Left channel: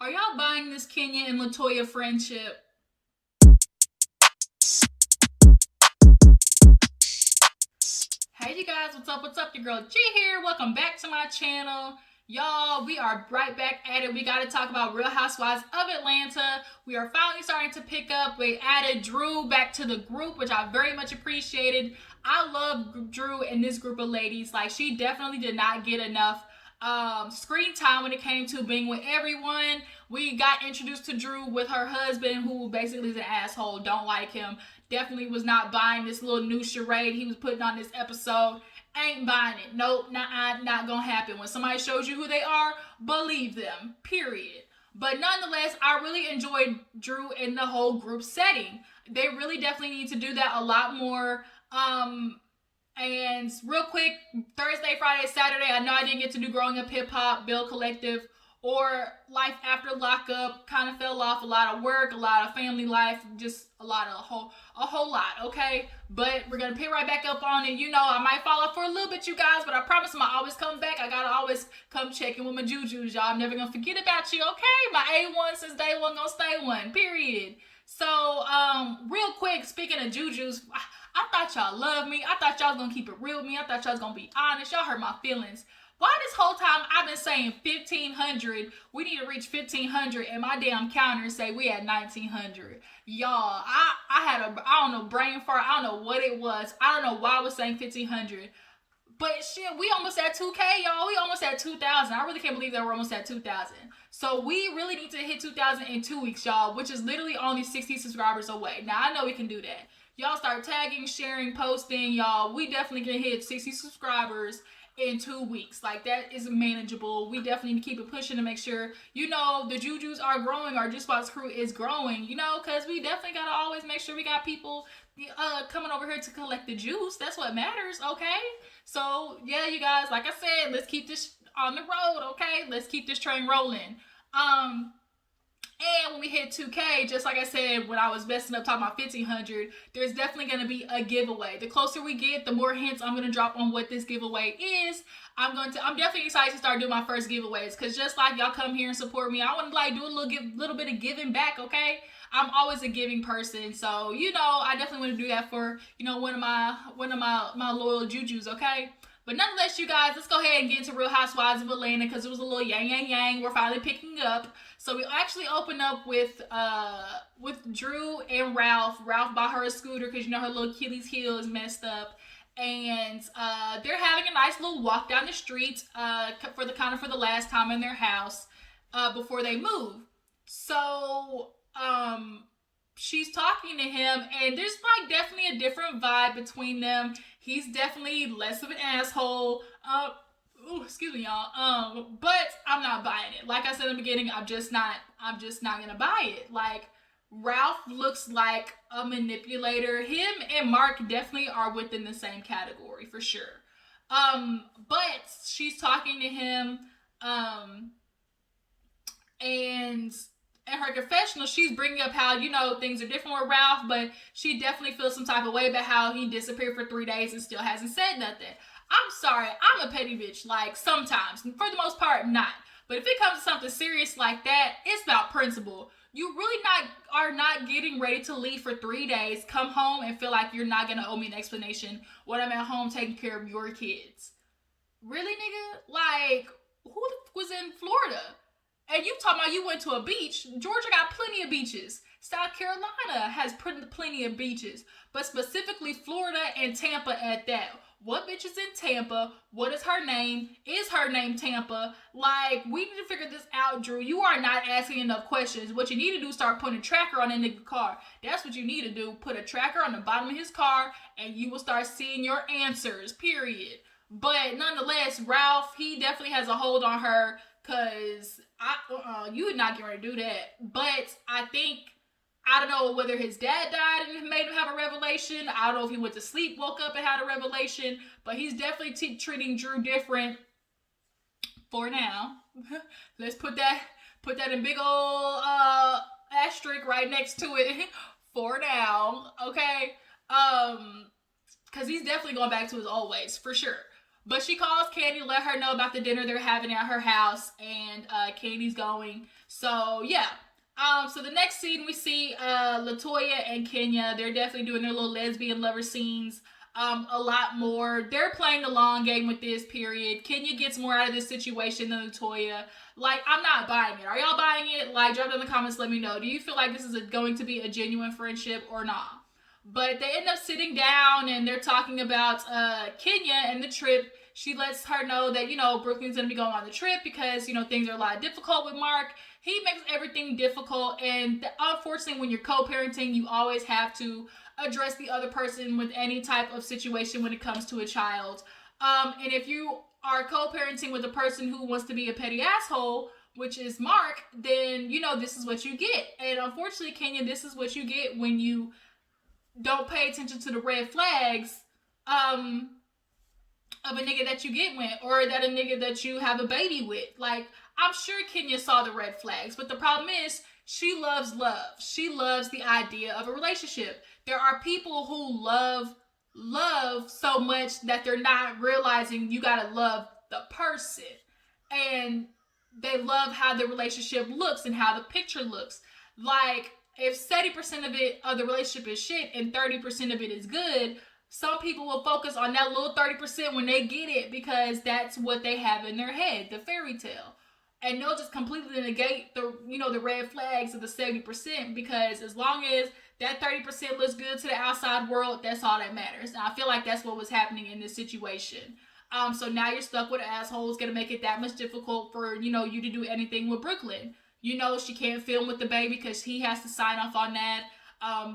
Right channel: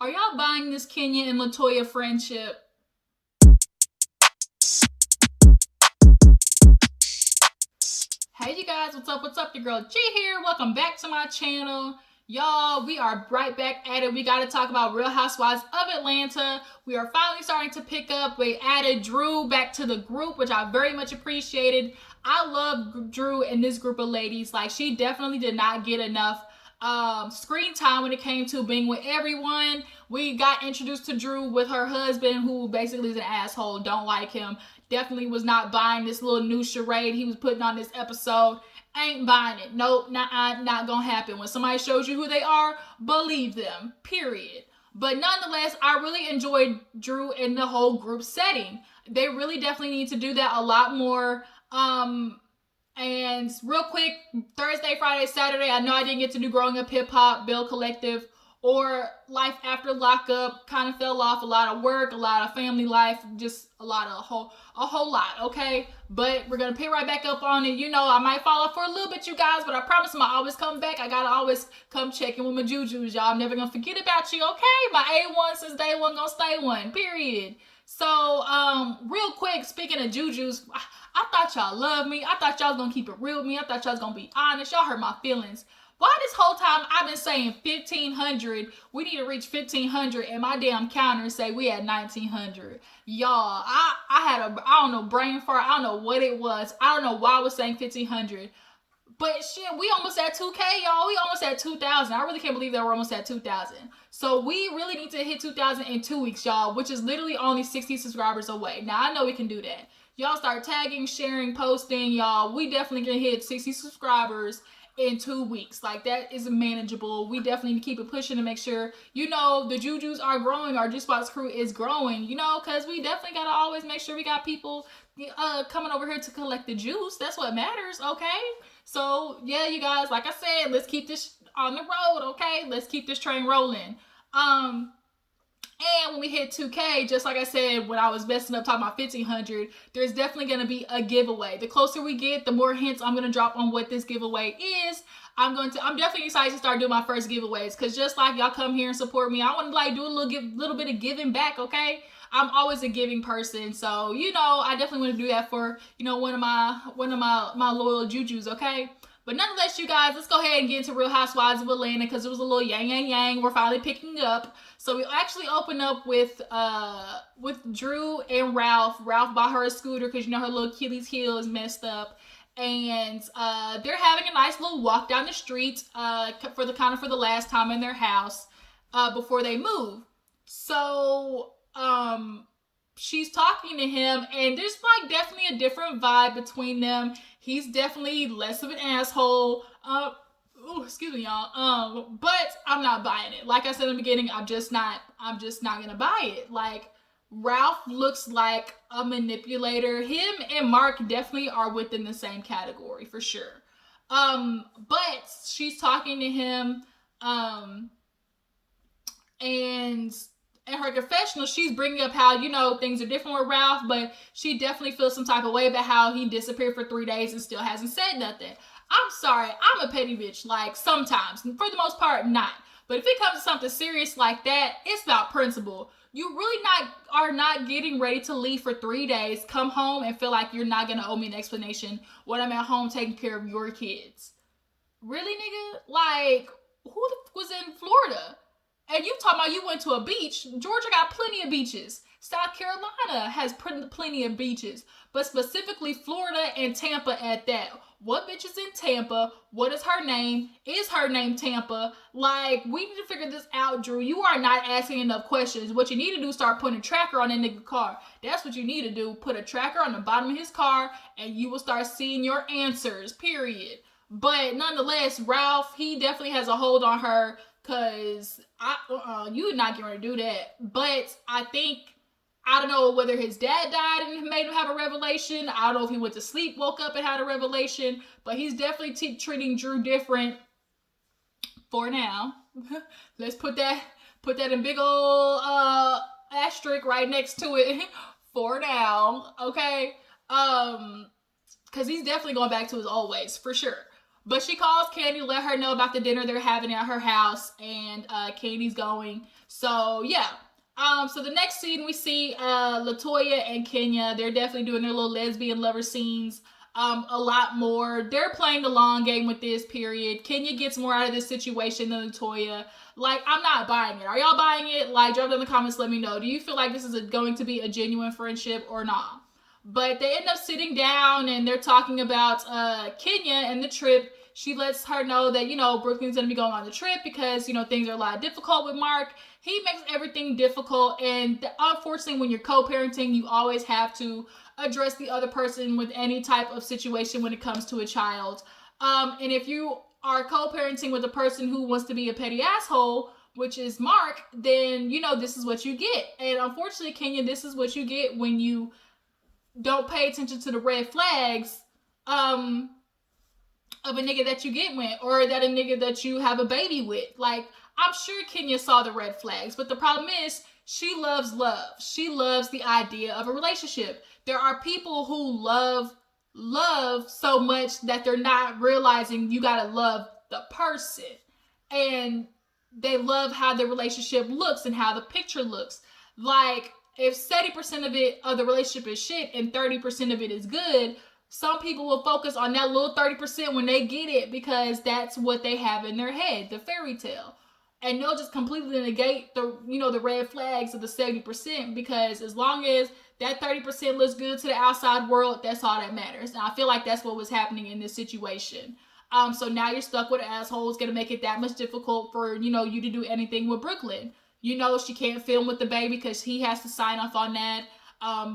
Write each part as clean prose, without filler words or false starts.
Are y'all buying this Kenya and LaToya friendship? Hey you guys, what's up? What's up? Your girl G here. Welcome back to my channel. Y'all, we are right back at it. We got to talk about Real Housewives of Atlanta. We are finally starting to pick up. We added Drew back to the group, which I very much appreciated. I love Drew and this group of ladies. Like, she definitely did not get enough screen time when it came to being with everyone. We got introduced to Drew with her husband, who basically is an asshole. Don't like him. Definitely was not buying this little new charade he was putting on this episode. Ain't buying it. Nope, not gonna happen. When somebody shows you who they are, believe them. Period. But nonetheless, I really enjoyed Drew in the whole group setting. They really definitely need to do that a lot more. And real quick, Thursday, Friday, Saturday, I know I didn't get to do Growing Up Hip Hop, Bill Collective, or Life After Lockup. Kind of fell off. A lot of work, a lot of family life, just a whole lot, okay? But we're gonna pick right back up on it. You know, I might fall off for a little bit, you guys, but I promise I always come back. I gotta always come check in with my jujus, y'all. I'm never gonna forget about you, okay? My A1 since day one gonna stay one, period. So, real quick, speaking of jujus, I thought y'all loved me. I thought y'all was gonna keep it real with me. I thought y'all was gonna be honest. Y'all hurt my feelings. Why this whole time I've been saying 1,500, we need to reach 1,500, and my damn counter say we at 1,900. Y'all, I had I don't know, brain fart. I don't know what it was. I don't know why I was saying 1,500. But shit, we almost at 2K, y'all. We almost at 2,000. I really can't believe that we're almost at 2,000. So we really need to hit 2,000 in 2 weeks, y'all, which is literally only 60 subscribers away. Now, I know we can do that. Y'all start tagging, sharing, posting, y'all. We definitely can hit 60 subscribers in 2 weeks. Like, that is manageable. We definitely need to keep it pushing to make sure, you know, the Jujus are growing. Our Juice Box crew is growing, you know, because we definitely got to always make sure we got people coming over here to collect the juice. That's what matters, okay? So, yeah, you guys, like I said, let's keep this on the road, okay? Let's keep this train rolling. Um, and when we hit 2K, just like I said, when I was messing up talking about 1,500, there's definitely going to be a giveaway. The closer we get, the more hints I'm going to drop on what this giveaway is. I'm definitely excited to start doing my first giveaways, because just like y'all come here and support me, I want to like do a little bit of giving back, okay? I'm always a giving person, so you know I definitely want to do that for, you know, one of my loyal jujus, okay? But nonetheless, you guys, let's go ahead and get into Real Housewives of Atlanta, because it was a little yang yang yang. We're finally picking up. So we actually open up with Drew and Ralph. Ralph bought her a scooter because you know her little Achilles heel is messed up, and they're having a nice little walk down the street for the last time in their house before they move. So she's talking to him, and there's like definitely a different vibe between them. He's definitely less of an asshole. Excuse me, y'all. But I'm not buying it. Like I said in the beginning, I'm just not gonna buy it. Like, Ralph looks like a manipulator. Him and Mark definitely are within the same category for sure. But she's talking to him, and in her confessional, she's bringing up how, you know, things are different with Ralph, but she definitely feels some type of way about how he disappeared for 3 days and still hasn't said nothing. I'm sorry, I'm a petty bitch. Like, sometimes, for the most part, not. But if it comes to something serious like that, it's about principle. You really are not getting ready to leave for 3 days, come home and feel like you're not gonna owe me an explanation when I'm at home taking care of your kids. Really, nigga? Like, who was in Florida? And you talking about you went to a beach. Georgia got plenty of beaches. South Carolina has plenty of beaches. But specifically Florida and Tampa at that. What bitch is in Tampa? What is her name? Is her name Tampa? Like, we need to figure this out, Drew. You are not asking enough questions. What you need to do is start putting a tracker on that nigga car. That's what you need to do. Put a tracker on the bottom of his car, and you will start seeing your answers, period. But nonetheless, Ralph, he definitely has a hold on her, because you would not get ready to do that. But I think, I don't know whether his dad died and made him have a revelation. I don't know if he went to sleep, woke up and had a revelation. But he's definitely treating Drew different for now. Let's put that in big old asterisk right next to it for now, okay? Because he's definitely going back to his old ways, for sure. But she calls Kandi to let her know about the dinner they're having at her house, and Kandi's going. So yeah. So the next scene we see LaToya and Kenya. They're definitely doing their little lesbian lover scenes. A lot more. They're playing the long game with this period. Kenya gets more out of this situation than LaToya. Like, I'm not buying it. Are y'all buying it? Like, drop it in the comments. Let me know. Do you feel like this is going to be a genuine friendship or not? But they end up sitting down and they're talking about Kenya and the trip. She lets her know that, Brooklyn's going to be going on the trip because, things are a lot difficult with Mark. He makes everything difficult. And unfortunately, when you're co-parenting, you always have to address the other person with any type of situation when it comes to a child. And if you are co-parenting with a person who wants to be a petty asshole, which is Mark, then, this is what you get. And unfortunately, Kenya, this is what you get when you don't pay attention to the red flags of a nigga that you get with, or that a nigga that you have a baby with. Like, I'm sure Kenya saw the red flags, but the problem is she loves love. She loves the idea of a relationship. There are people who love so much that they're not realizing you gotta love the person. And they love how the relationship looks and how the picture looks. Like, if 70% of the relationship is shit and 30% of it is good, some people will focus on that little 30% when they get it because that's what they have in their head, the fairy tale. And they'll just completely negate the red flags of the 70%, because as long as that 30% looks good to the outside world, that's all that matters. And I feel like that's what was happening in this situation. So now you're stuck with an asshole. It's gonna make it that much difficult for you to do anything with Brooklyn. She can't film with the baby because he has to sign off on that.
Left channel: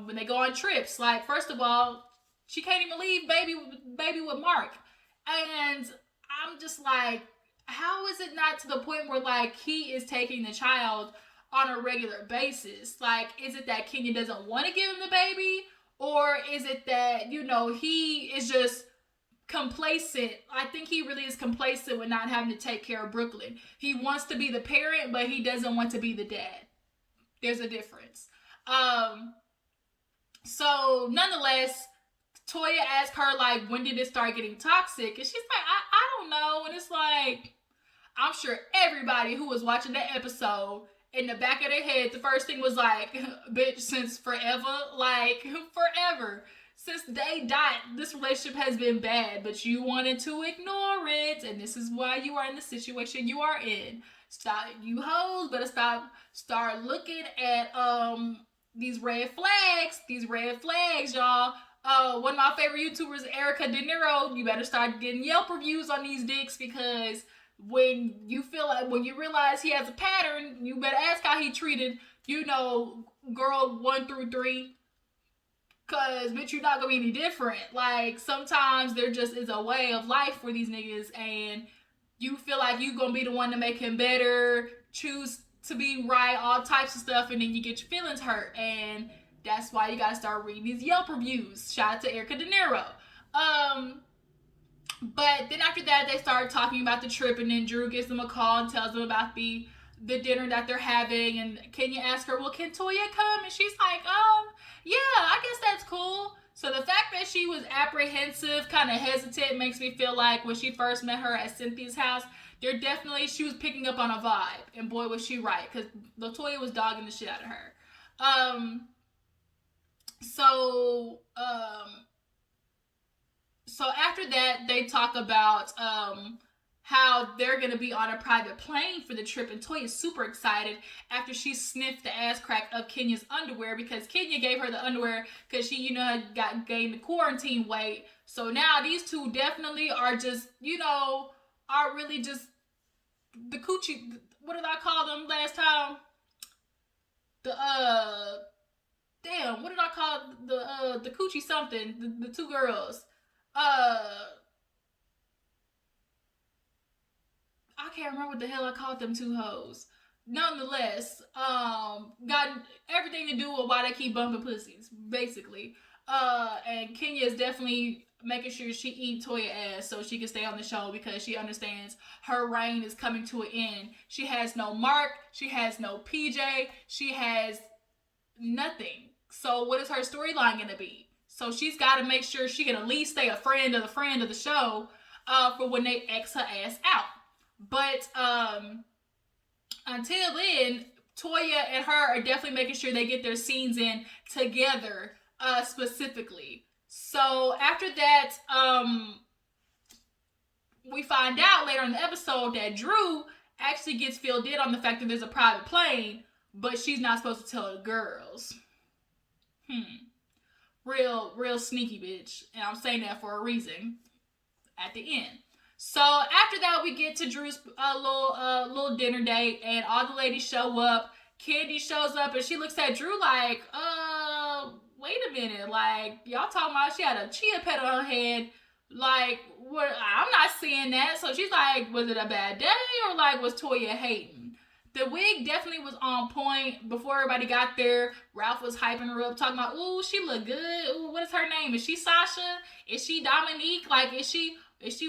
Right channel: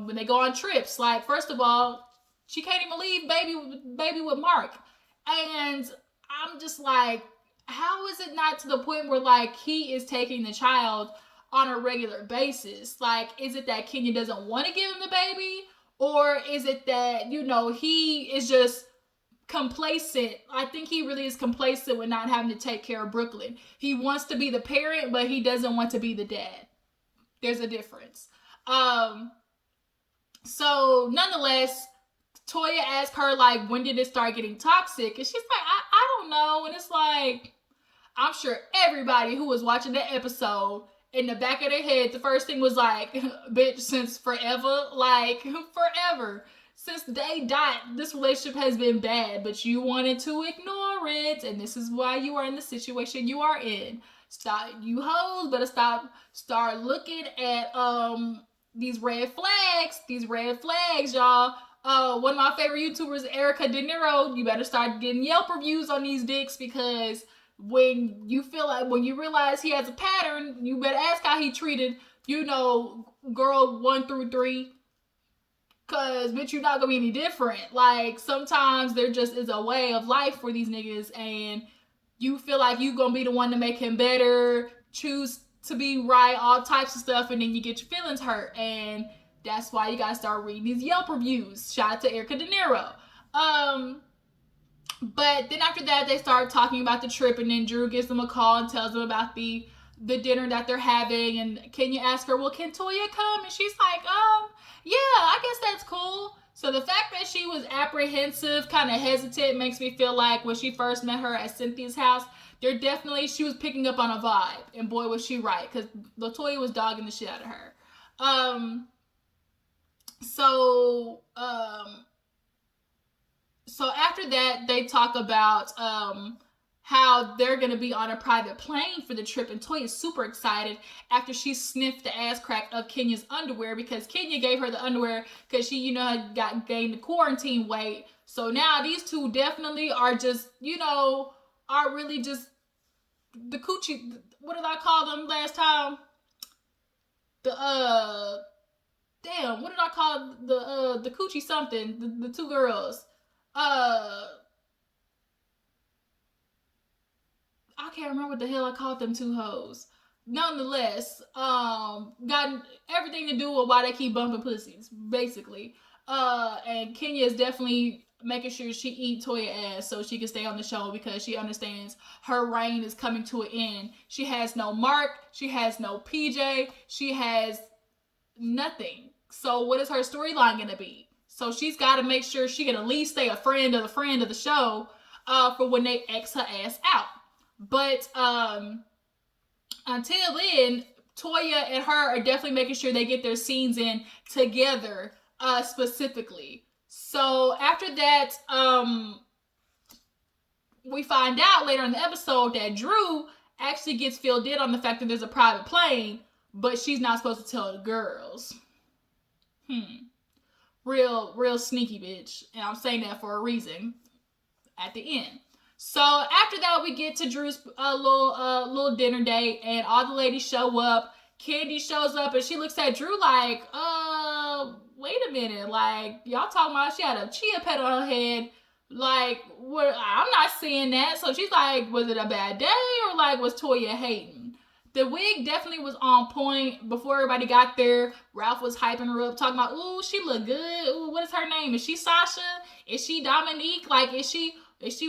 When they go on trips, like, first of all, she can't even leave baby with Mark. And I'm just like, how is it not to the point where, like, he is taking the child on a regular basis? Like, is it that Kenya doesn't want to give him the baby? Or is it that, he is just complacent? I think he really is complacent with not having to take care of Brooklyn. He wants to be the parent, but he doesn't want to be the dad. There's a difference. So nonetheless, Toya asked her, like, when did it start getting toxic? And she's like, I don't know. And it's like, I'm sure everybody who was watching that episode, in the back of their head, the first thing was like, bitch, since forever. Like, forever. Since day dot, this relationship has been bad, but you wanted to ignore it, and this is why you are in the situation you are in. Stop, you hoes, better start looking at these red flags, y'all. One of my favorite YouTubers, Erica De Niro, you better start getting Yelp reviews on these dicks, because when you realize he has a pattern, you better ask how he treated, girl 1 through 3. Cause, bitch, you're not gonna be any different. Like, sometimes there just is a way of life for these niggas, and you feel like you gonna be the one to make him better, choose to be right, all types of stuff, and then you get your feelings hurt. And that's why you gotta start reading these Yelp reviews. Shout out to Erica De Niro. But then after that, they start talking about the trip, and then Drew gives them a call and tells them about the dinner that they're having. And Kenya asks her, well, can Toya come? And she's like, yeah, I guess that's cool. So the fact that she was apprehensive, kind of hesitant, makes me feel like when she first met her at Cynthia's house, she was picking up on a vibe. And boy, was she right, because LaToya was dogging the shit out of her. So after that, they talk about how they're going to be on a private plane for the trip, and Toya's super excited after she sniffed the ass crack of Kenya's underwear, because Kenya gave her the underwear because she, had gained the quarantine weight. So now these two definitely are just, are really just the coochie. What did I call them last time? What did I call the coochie something? The two girls. I can't remember what the hell I called them two hoes. Nonetheless, got everything to do with why they keep bumping pussies, basically. And Kenya is definitely making sure she eat Toya ass so she can stay on the show, because she understands her reign is coming to an end. She has no Mark, she has no PJ, she has nothing. So what is her storyline gonna be? So she's got to make sure she can at least stay a friend of the show. for when they X her ass out. But until then, Toya and her are definitely making sure they get their scenes in together, specifically. So after that, we find out later in the episode that Drew actually gets filled in on the fact that there's a private plane, but she's not supposed to tell the girls. Real sneaky bitch. And I'm saying that for a reason at the end. So after that, we get to Drew's little dinner date, and all the ladies show up. Kandi shows up, and she looks at Drew like, wait a minute, like, y'all talking about she had a chia pet on her head. Like, what? I'm not seeing that. So she's like, was it a bad day, or like, was Toya hating? The wig definitely was on point. Before everybody got there, Ralph was hyping her up, talking about, ooh, she look good. Ooh, what is her name? Is she Sasha? Is she Dominique? Like, is she,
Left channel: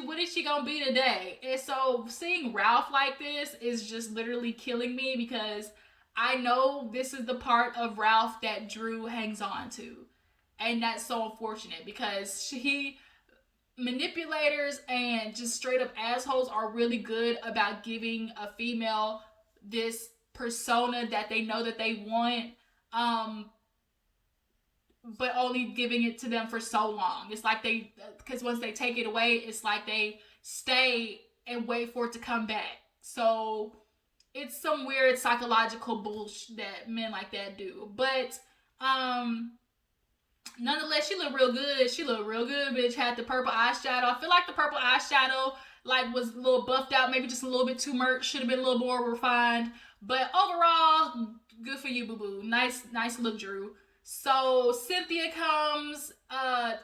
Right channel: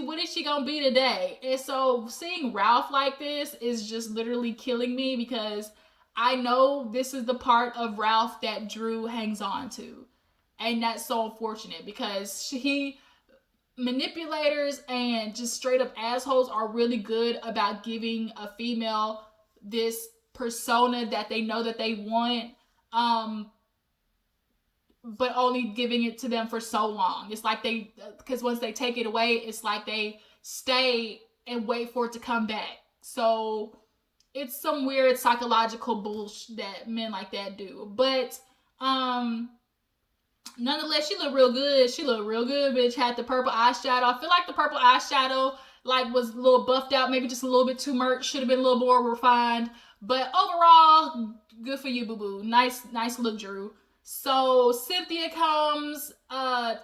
what is she gonna be today? And so seeing Ralph like this is just literally killing me, because I know this is the part of Ralph that Drew hangs on to. And that's so unfortunate, because manipulators and just straight up assholes are really good about giving a female this persona that they know that they want, but only giving it to them for so long. It's like because once they take it away, it's like they stay and wait for it to come back. So it's some weird psychological bullshit that men like that do. But nonetheless, she looked real good. Bitch. Had the purple eyeshadow. I feel like the purple eyeshadow was a little buffed out, maybe just a little bit too much. Should have been a little more refined. But overall, good for you, boo boo. Nice look, Drew. So Cynthia comes.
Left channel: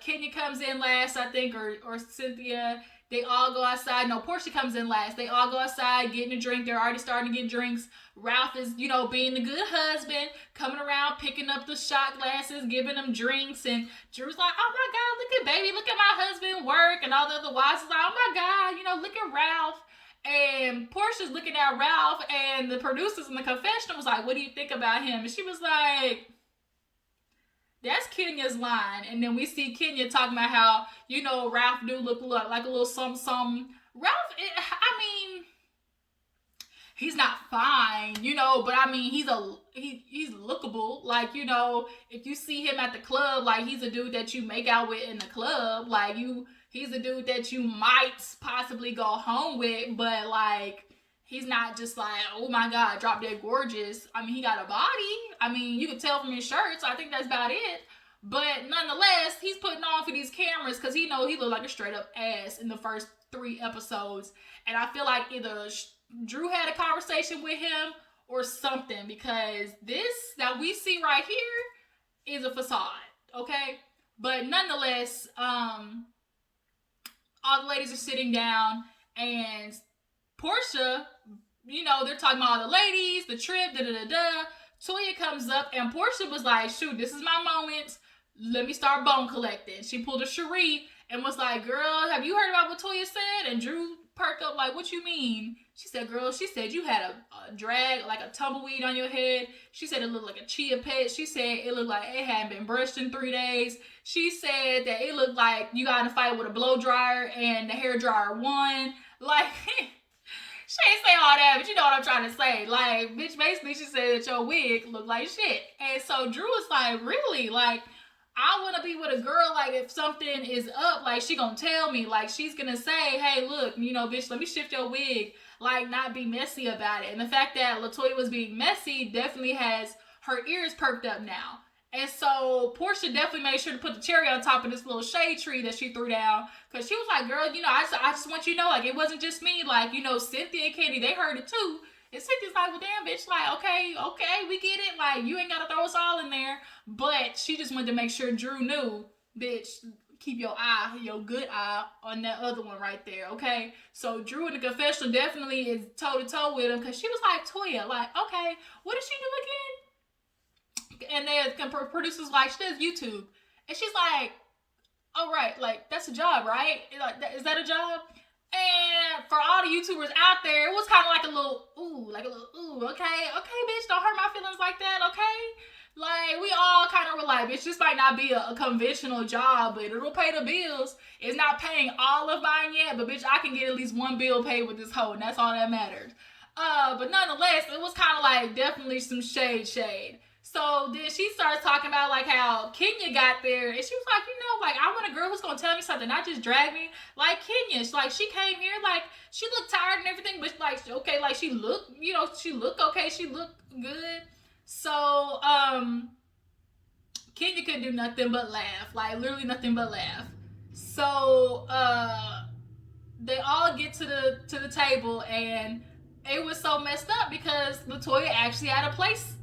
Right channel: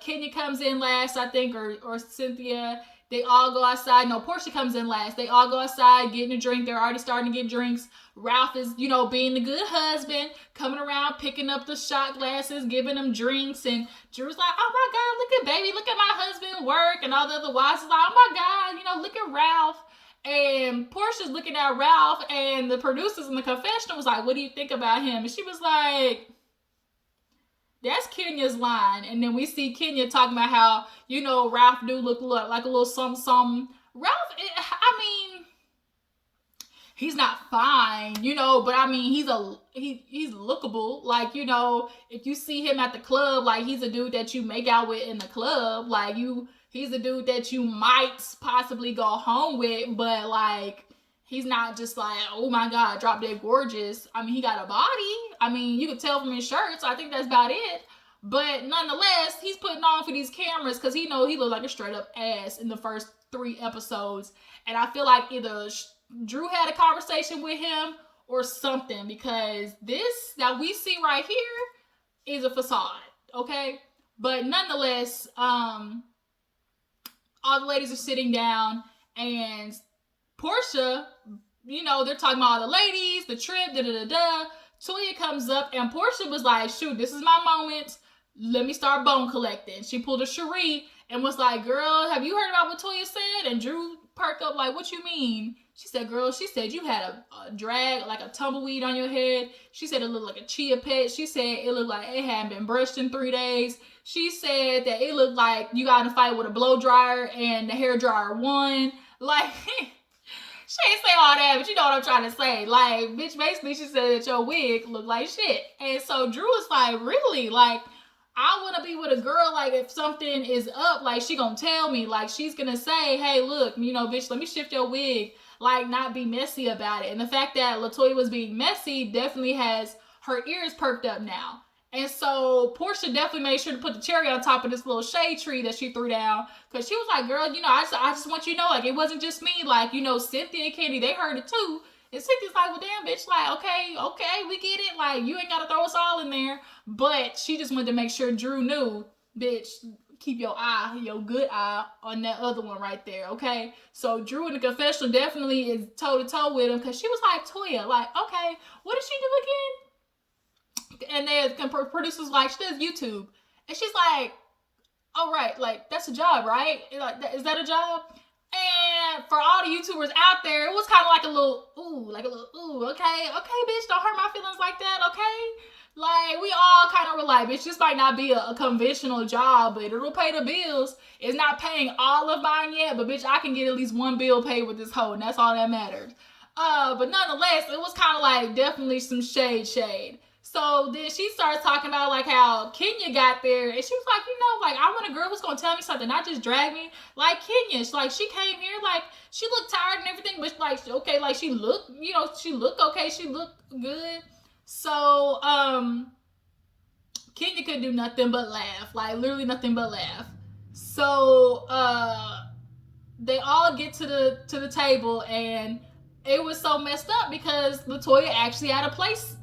Kenya comes in last, I think, or Cynthia. They all go outside. No, Porsha comes in last. They all go outside, getting a drink. They're already starting to get drinks. Ralph is, being the good husband, coming around, picking up the shot glasses, giving them drinks. And Drew's like, oh my God, look at baby. Look at my husband work. And all the other wives is like, oh my God, look at Ralph. And Porsha's looking at Ralph, and the producers in the confessional was like, what do you think about him? And she was like, that's Kenya's line. And then we see Kenya talking about how, Ralph do look like a little something. Ralph, he's not fine, but he's lookable. Like, if you see him at the club, like, he's a dude that you make out with in the club. Like, he's a dude that you might possibly go home with, but like, he's not just like, oh my God, drop dead gorgeous. He got a body. You could tell from his shirt, so I think that's about it. But nonetheless, he's putting on for these cameras because he looked like a straight up ass in the first 3 episodes. And I feel like either Drew had a conversation with him or something, because this that we see right here is a facade, okay? But nonetheless, all the ladies are sitting down, and Porsha, they're talking about all the ladies, the trip, Toya comes up, and Porsha was like, shoot, this is my moment. Let me start bone collecting. She pulled a Cherie and was like, girl, have you heard about what Toya said? And Drew perked up like, what you mean? She said, girl, you had a drag, like a tumbleweed on your head. She said it looked like a chia pet. She said it looked like it hadn't been brushed in 3 days. She said that it looked like you got in a fight with a blow dryer and the hair dryer won. Like, she ain't say all that, but you know what I'm trying to say. Like, bitch, basically she said that your wig looked like shit. And so Drew was like, really? Like, I want to be with a girl, like, if something is up, like, she gonna tell me. Like, she's gonna say, hey, look, bitch, let me shift your wig. Like, not be messy about it. And the fact that LaToya was being messy definitely has her ears perked up now. And so Porsha definitely made sure to put the cherry on top of this little shade tree that she threw down. Because she was like, girl, I just want you to know, like, it wasn't just me. Like, Cynthia and Kandi, they heard it too. And Cynthia's like, well, damn, bitch, like, okay, we get it. Like, you ain't got to throw us all in there. But she just wanted to make sure Drew knew, bitch, keep your good eye on that other one right there, okay? So Drew in the confessional definitely is toe-to-toe with him, because she was like, Toya, like, okay, what did she do again? And the producers like, she does YouTube. And she's like, all right, like, that's a job, right? Is that a job? And for all the YouTubers out there, it was kind of like a little, ooh, okay, bitch, don't hurt my feelings like that, okay? Like, we all kind of were like, bitch, this might not be a conventional job, but it'll pay the bills. It's not paying all of mine yet, but bitch, I can get at least one bill paid with this hoe, and that's all that matters. But nonetheless, it was kind of like definitely some shade. So then she starts talking about like how Kenya got there, and she was like, you know, like I want a girl who's gonna tell me something, not just drag me. Like Kenya, she came here, like she looked tired and everything, but like okay, like she looked, you know, she looked okay, she looked good. So Kenya couldn't do nothing but laugh, like literally nothing but laugh. So they all get to the table, and it was so messed up because LaToya actually had a place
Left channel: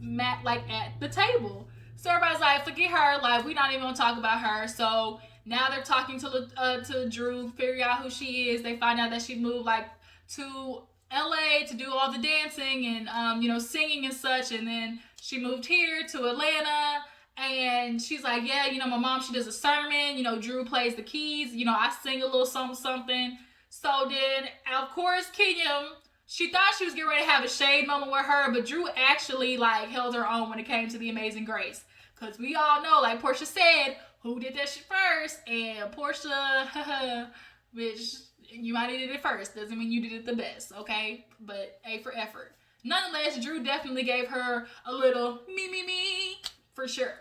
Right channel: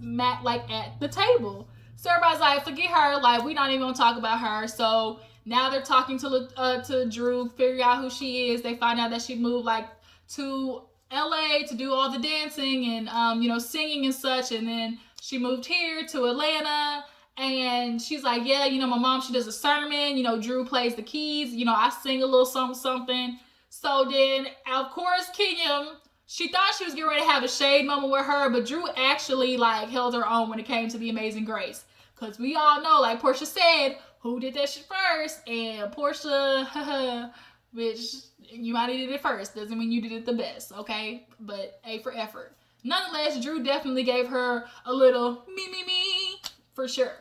like at the table. So everybody's like, forget her, like we not even gonna talk about her. So now they're talking to Drew, figure out who she is. They find out that she moved like to LA to do all the dancing and you know, singing and such, and then she moved here to Atlanta. And she's like, yeah, you know, my mom, she does a sermon, you know, Drew plays the keys, you know, I sing a little something. So then, of course, Kenya, she thought she was getting ready to have a shade moment with her, but Drew actually, like, held her own when it came to the Amazing Grace. Because we all know, like Porsha said, who did that shit first? And Porsha, bitch, you might have did it first. Doesn't mean you did it the best, okay? But A for effort. Nonetheless, Drew definitely gave her a little me, for sure.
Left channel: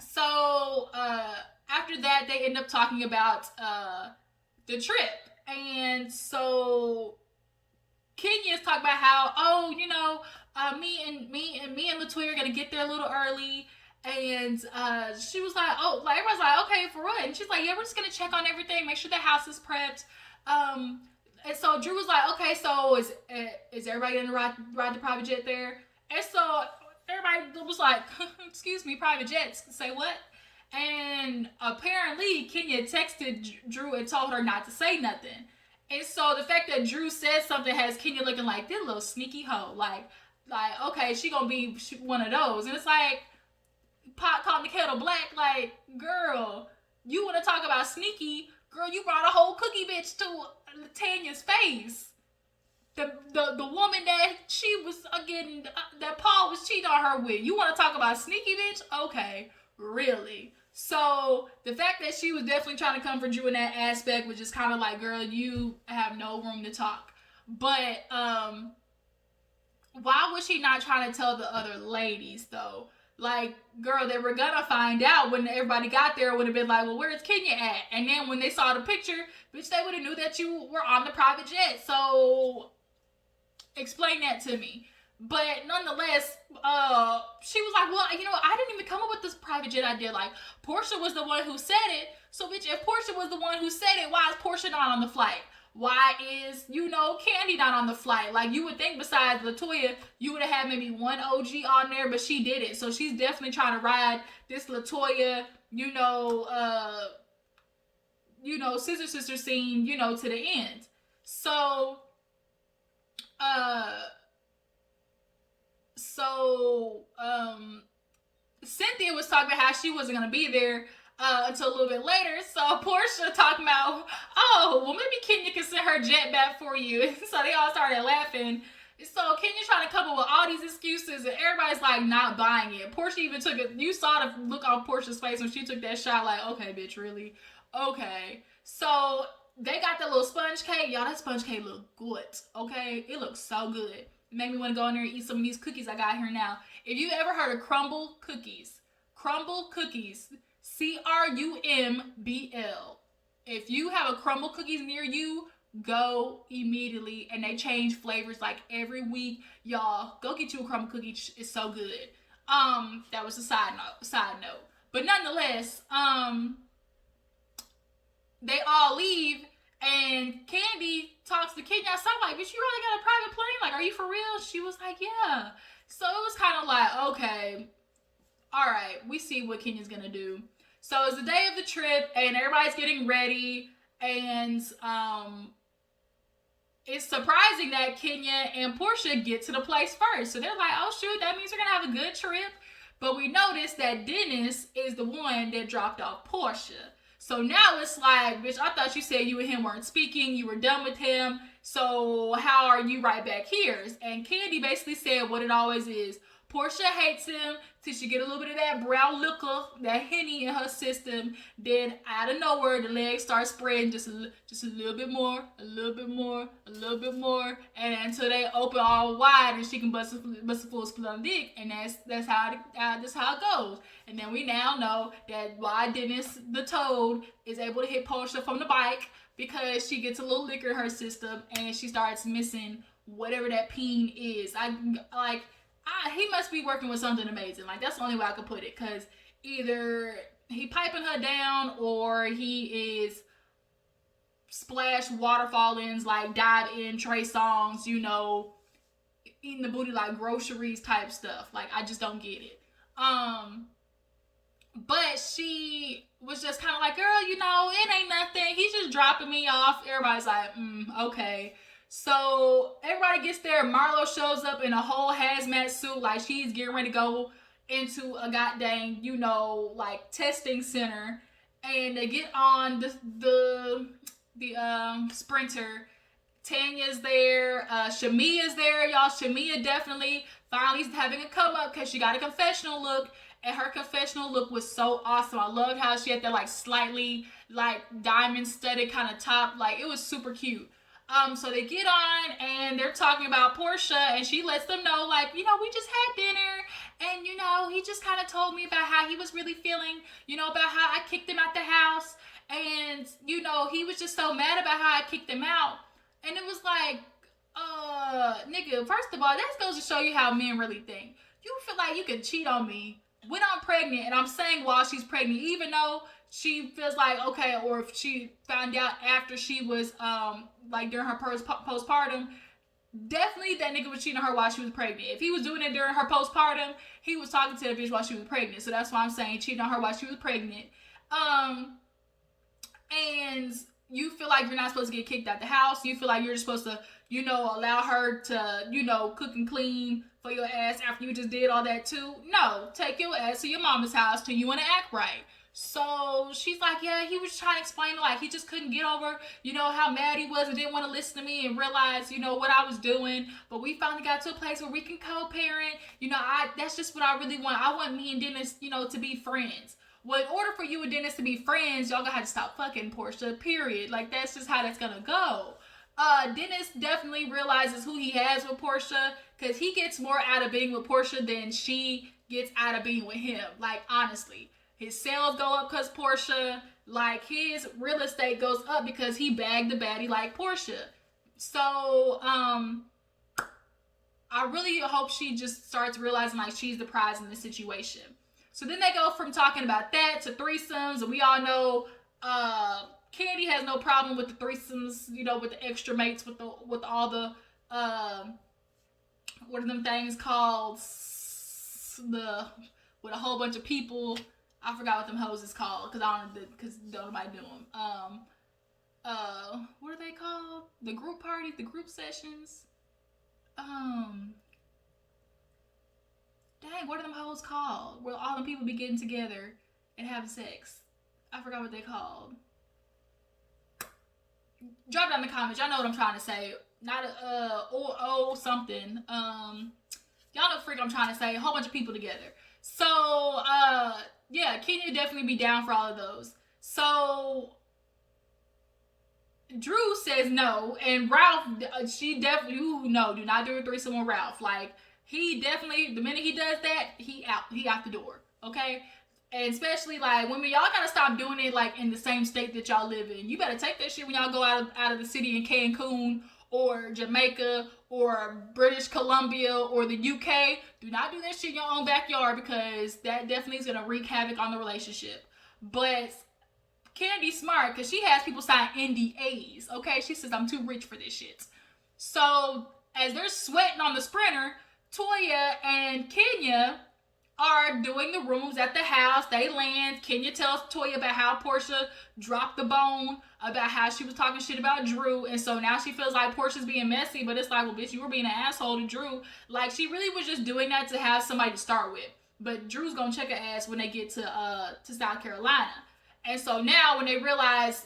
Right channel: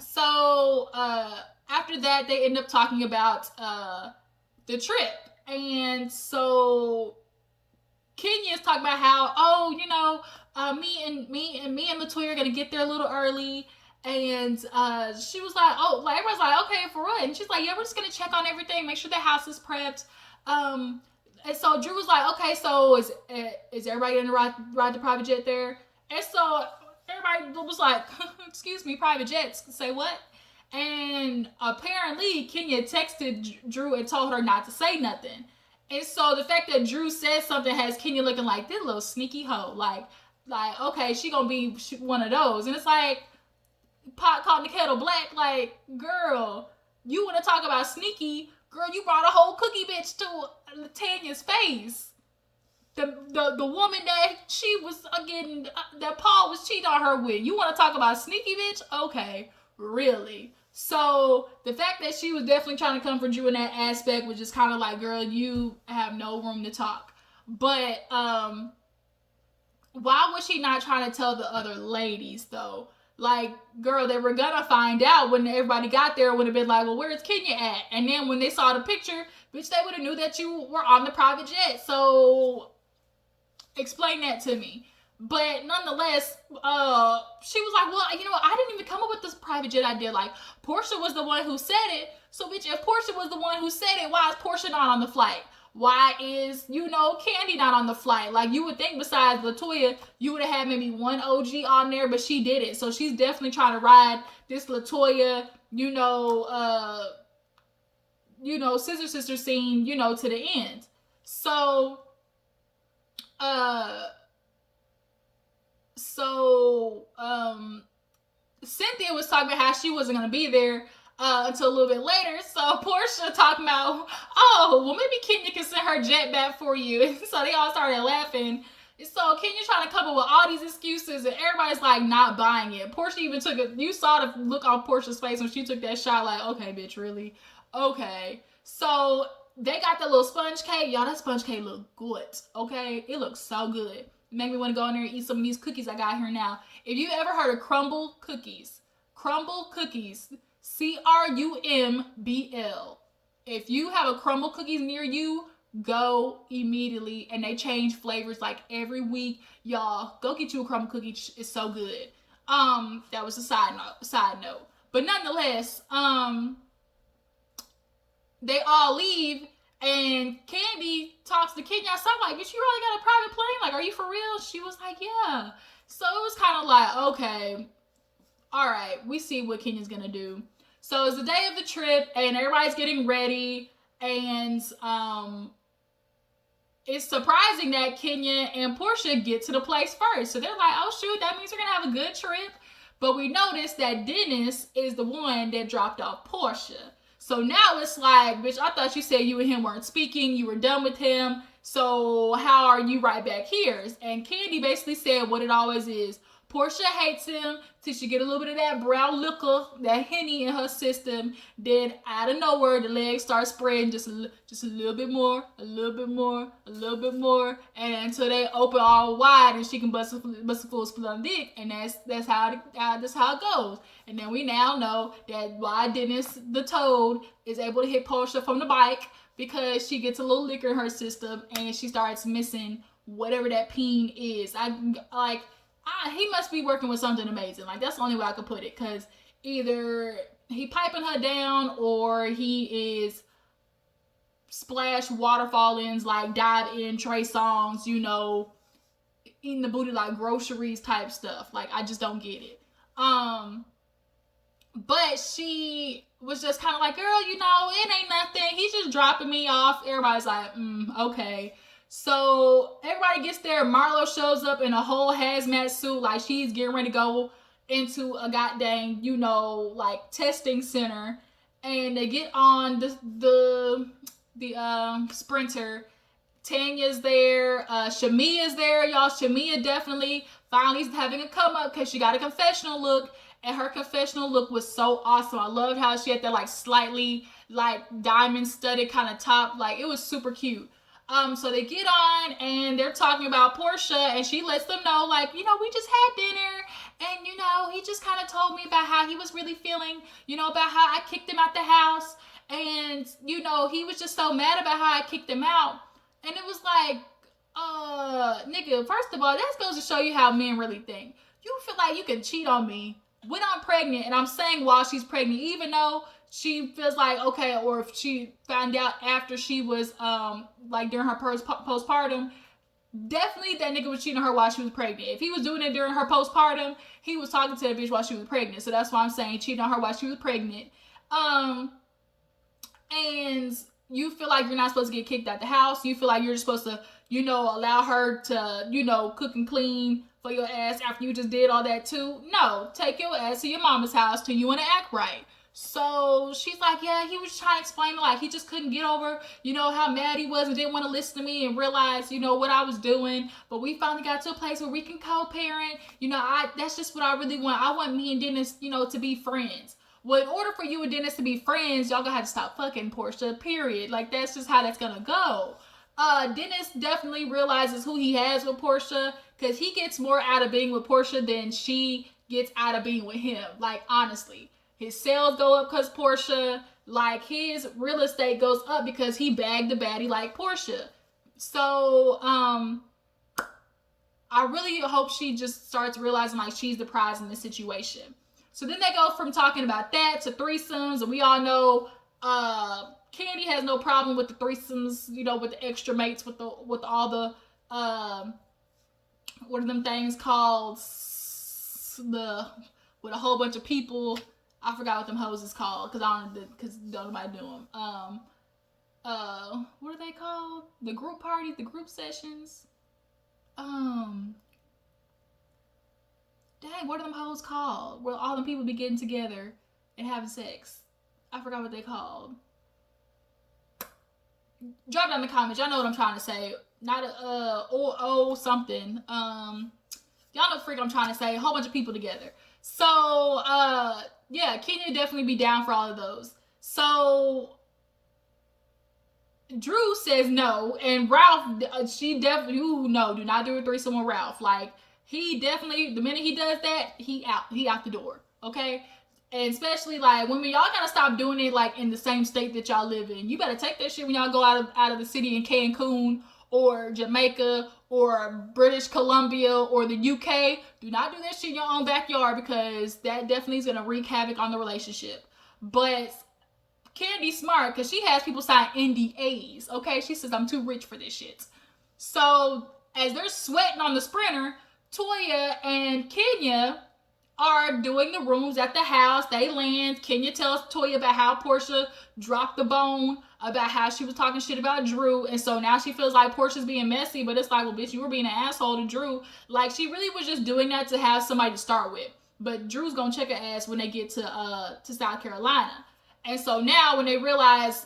So, after that, they end up talking about, the trip. And so Kenya is talking about how, oh, you know, me and LaToya are gonna get there a little early. And she was like, oh, like everyone's like, okay, for what? And she's like, yeah, we're just gonna check on everything, make sure the house is prepped. And so Drew was like, okay, so is everybody gonna ride the private jet there? And so everybody was like, excuse me, private jets? Say what? And apparently Kenya texted Drew and told her not to say nothing. And so the fact that Drew said something has Kenya looking like this little sneaky hoe. Like okay, she gonna be one of those. And it's like, pot calling the kettle black. Like, girl, you want to talk about sneaky? Girl, you brought a whole cookie bitch to Tanya's face. The woman that she was getting, that Paul was cheating on her with. You want to talk about sneaky bitch? Okay, really? So the fact that she was definitely trying to come for Drew in that aspect was just kind of like, girl, you have no room to talk. But why was she not trying to tell the other ladies though? Like, girl, they were gonna find out when everybody got there. It would have been like, well, where's Kenya at? And then when they saw the picture, bitch, they would have knew that you were on the private jet. So explain that to me. But nonetheless, she was like, well, you know, I didn't even come up with this private jet idea. Like, Porsha was the one who said it. So, bitch, if Porsha was the one who said it, why is Porsha not on the flight? Why is, you know, Kandi not on the flight? Like, you would think besides LaToya, you would have had maybe one OG on there, but she didn't. So, she's definitely trying to ride this LaToya, you know, sister scene, you know, to the end. So, Cynthia was talking about how she wasn't going to be there until a little bit later. So Porsha talking about, oh, well, maybe Kenya can send her jet back for you. And so they all started laughing. So Kenya's trying to come up with all these excuses, and everybody's like not buying it. Porsha even took it. You saw the look on Porsha's face when she took that shot. Like, okay, bitch, really? Okay. So they got that little sponge cake. Y'all, that sponge cake look good. Okay, it looks so good. Make me want to go in there and eat some of these cookies I got here now. If you ever heard of crumble cookies, CRUMBL. If you have a crumble cookies near you, go immediately. And they change flavors like every week. Y'all, go get you a crumble cookie. It's so good. That was a side note. But nonetheless, they all leave. And Kandi talks to Kenya outside like, bitch, you really got a private plane? Like, are you for real? She was like, yeah. So it was kind of like, okay, all right, we see what Kenya's going to do. So it's the day of the trip, and everybody's getting ready. And it's surprising that Kenya and Porsha get to the place first. So they're like, oh, shoot, that means we're going to have a good trip. But we noticed that Dennis is the one that dropped off Porsha. So now it's like, bitch, I thought you said you and him weren't speaking. You were done with him. So how are you right back here? And Kandi basically said what it always is. Porsha hates him till she get a little bit of that brown liquor, that Henny in her system. Then out of nowhere, the legs start spreading just a little bit more, a little bit more, a little bit more, and until they open all wide and she can bust a full split on dick. And that's how it goes. And then we now know that why Dennis the Toad is able to hit Porsha from the bike, because she gets a little liquor in her system and she starts missing whatever that peen is. He must be working with something amazing. Like, that's the only way I could put it. Because either he piping her down or he is splash waterfallings, like dive in Trey Songz, you know, eating the booty like groceries type stuff. Like, I just don't get it. But she was just kind of like, girl, you know, it ain't nothing. He's just dropping me off. Everybody's like, okay. So everybody gets there. Marlo shows up in a whole hazmat suit, like she's getting ready to go into a goddamn, you know, like testing center. And they get on the sprinter. Tanya's there. Shamia's there, y'all. Shamia definitely finally having a come up because she got a confessional look. And her confessional look was so awesome. I loved how she had that like slightly like diamond studded kind of top. Like, it was super cute. So they get on and they're talking about Porsha, and she lets them know, like, you know, we just had dinner, and, you know, he just kind of told me about how he was really feeling, you know, about how I kicked him out the house, and, you know, he was just so mad about how I kicked him out. And it was like, nigga, first of all, that goes to show you how men really think. You feel like you can cheat on me when I'm pregnant, and I'm saying while she's pregnant, even though she feels like, okay, or if she found out after she was, like during her postpartum, definitely that nigga was cheating on her while she was pregnant. If he was doing it during her postpartum, he was talking to the bitch while she was pregnant. So that's why I'm saying cheating on her while she was pregnant. And you feel like you're not supposed to get kicked out the house. You feel like you're just supposed to, you know, allow her to, you know, cook and clean for your ass after you just did all that too. No, take your ass to your mama's house till you want to act right. So she's like, yeah, he was trying to explain, like, he just couldn't get over, you know, how mad he was and didn't want to listen to me and realize, you know, what I was doing. But we finally got to a place where we can co-parent. You know, that's just what I really want. I want me and Dennis, you know, to be friends. Well, in order for you and Dennis to be friends, y'all gonna have to stop fucking Porsha, period. Like, that's just how that's gonna go. Dennis definitely realizes who he has with Porsha, because he gets more out of being with Porsha than she gets out of being with him. Like, honestly. His sales go up because Porsha, like, his real estate goes up because he bagged the baddie like Porsha. So, I really hope she just starts realizing, like, she's the prize in this situation. So then they go from talking about that to threesomes, and we all know, Kandi has no problem with the threesomes, you know, with the extra mates, with all the, what are them things called? With a whole bunch of people. I forgot what them hoes is called, because don't nobody do them. What are they called? The group parties, the group sessions. Dang, what are them hoes called? Where all them people be getting together and having sex. I forgot what they called. Drop down in the comments. Y'all know what I'm trying to say. Not something. Y'all know what freak I'm trying to say. A whole bunch of people together. So, yeah, Kenya would definitely be down for all of those. So, Drew says no, and Ralph, she definitely, no, do not do a threesome with Ralph. Like, he definitely, the minute he does that, he out the door, okay? And especially, like, women, y'all gotta stop doing it, like, in the same state that y'all live in. You better take that shit when y'all go out of the city in Cancun, or Jamaica, or British Columbia, or the UK. Do not do that shit in your own backyard, because that definitely is going to wreak havoc on the relationship. But Kandi's smart, because she has people sign NDAs, okay? She says, I'm too rich for this shit. So, as they're sweating on the sprinter, Toya and Kenya are doing the rooms at the house. They land. Kenya tells Toya about how Porsha dropped the bone, about how she was talking shit about Drew, and so now she feels like Portia's being messy, but it's like, well, bitch, you were being an asshole to Drew. Like, she really was just doing that to have somebody to start with. But Drew's gonna check her ass when they get to South Carolina. And so now when they realize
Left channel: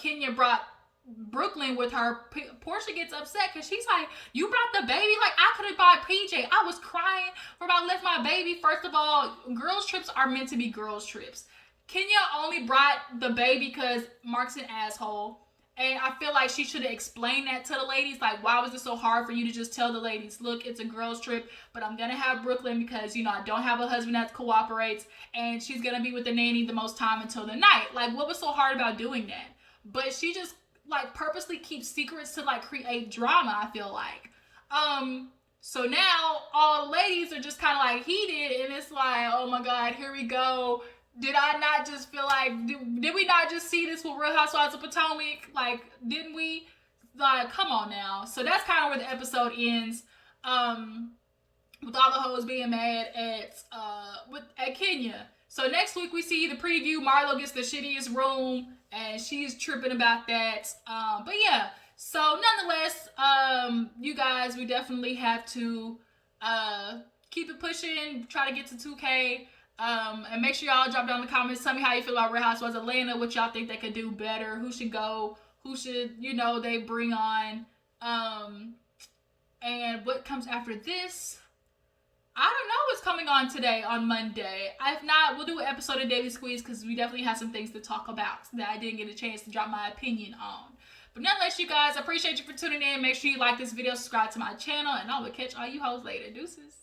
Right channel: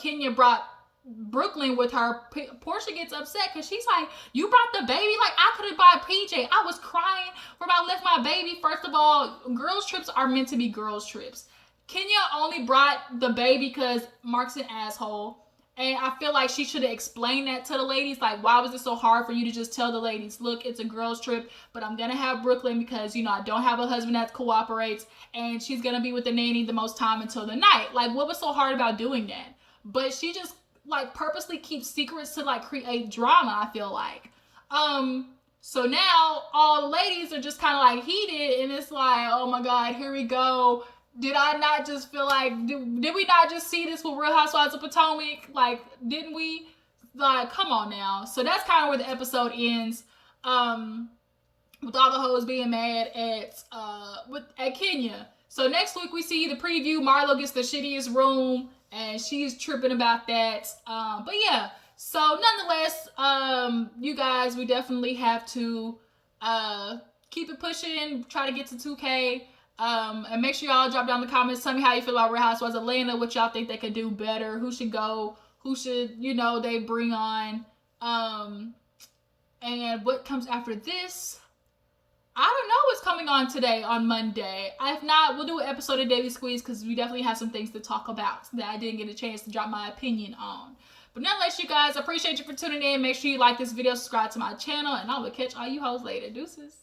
Kenya brought Brooklyn with her. Porsha gets upset because she's like, you brought the baby? Like, I could have bought PJ. I was crying for about left my baby. First of all, girls trips are meant to be girls trips. Kenya only brought the baby because Mark's an asshole. And I feel like she should have explained that to the ladies. Like, why was it so hard for you to just tell the ladies, look, it's a girls trip, but I'm going to have Brooklyn because, you know, I don't have a husband that cooperates, and she's going to be with the nanny the most time until the night. Like, what was so hard about doing that? But she just, like, purposely keeps secrets to, like, create drama, I feel like. So now all the ladies are just kind of, like, heated, and it's like, oh my God, here we go. Did I not just feel like, did we not just see this with Real Housewives of Potomac? Like, didn't we? Like, come on now. So that's kind of where the episode ends. With all the hoes being mad at Kenya. So next week we see the preview. Marlo gets the shittiest room, and she's tripping about that. But yeah. So nonetheless, you guys, we definitely have to keep it pushing. Try to get to 2K. And make sure y'all drop down in the comments. Tell me how you feel about Real Housewives of Atlanta. What y'all think they could do better. Who should go. Who should, you know, they bring on. And what comes after this. I don't know what's coming on today on Monday. If not, we'll do an episode of Daily Squeeze because we definitely have some things to talk about that I didn't get a chance to drop my opinion on. But nonetheless, you guys, I appreciate you for tuning in. Make sure you like this video, subscribe to my channel, and I will catch all you hoes later. Deuces.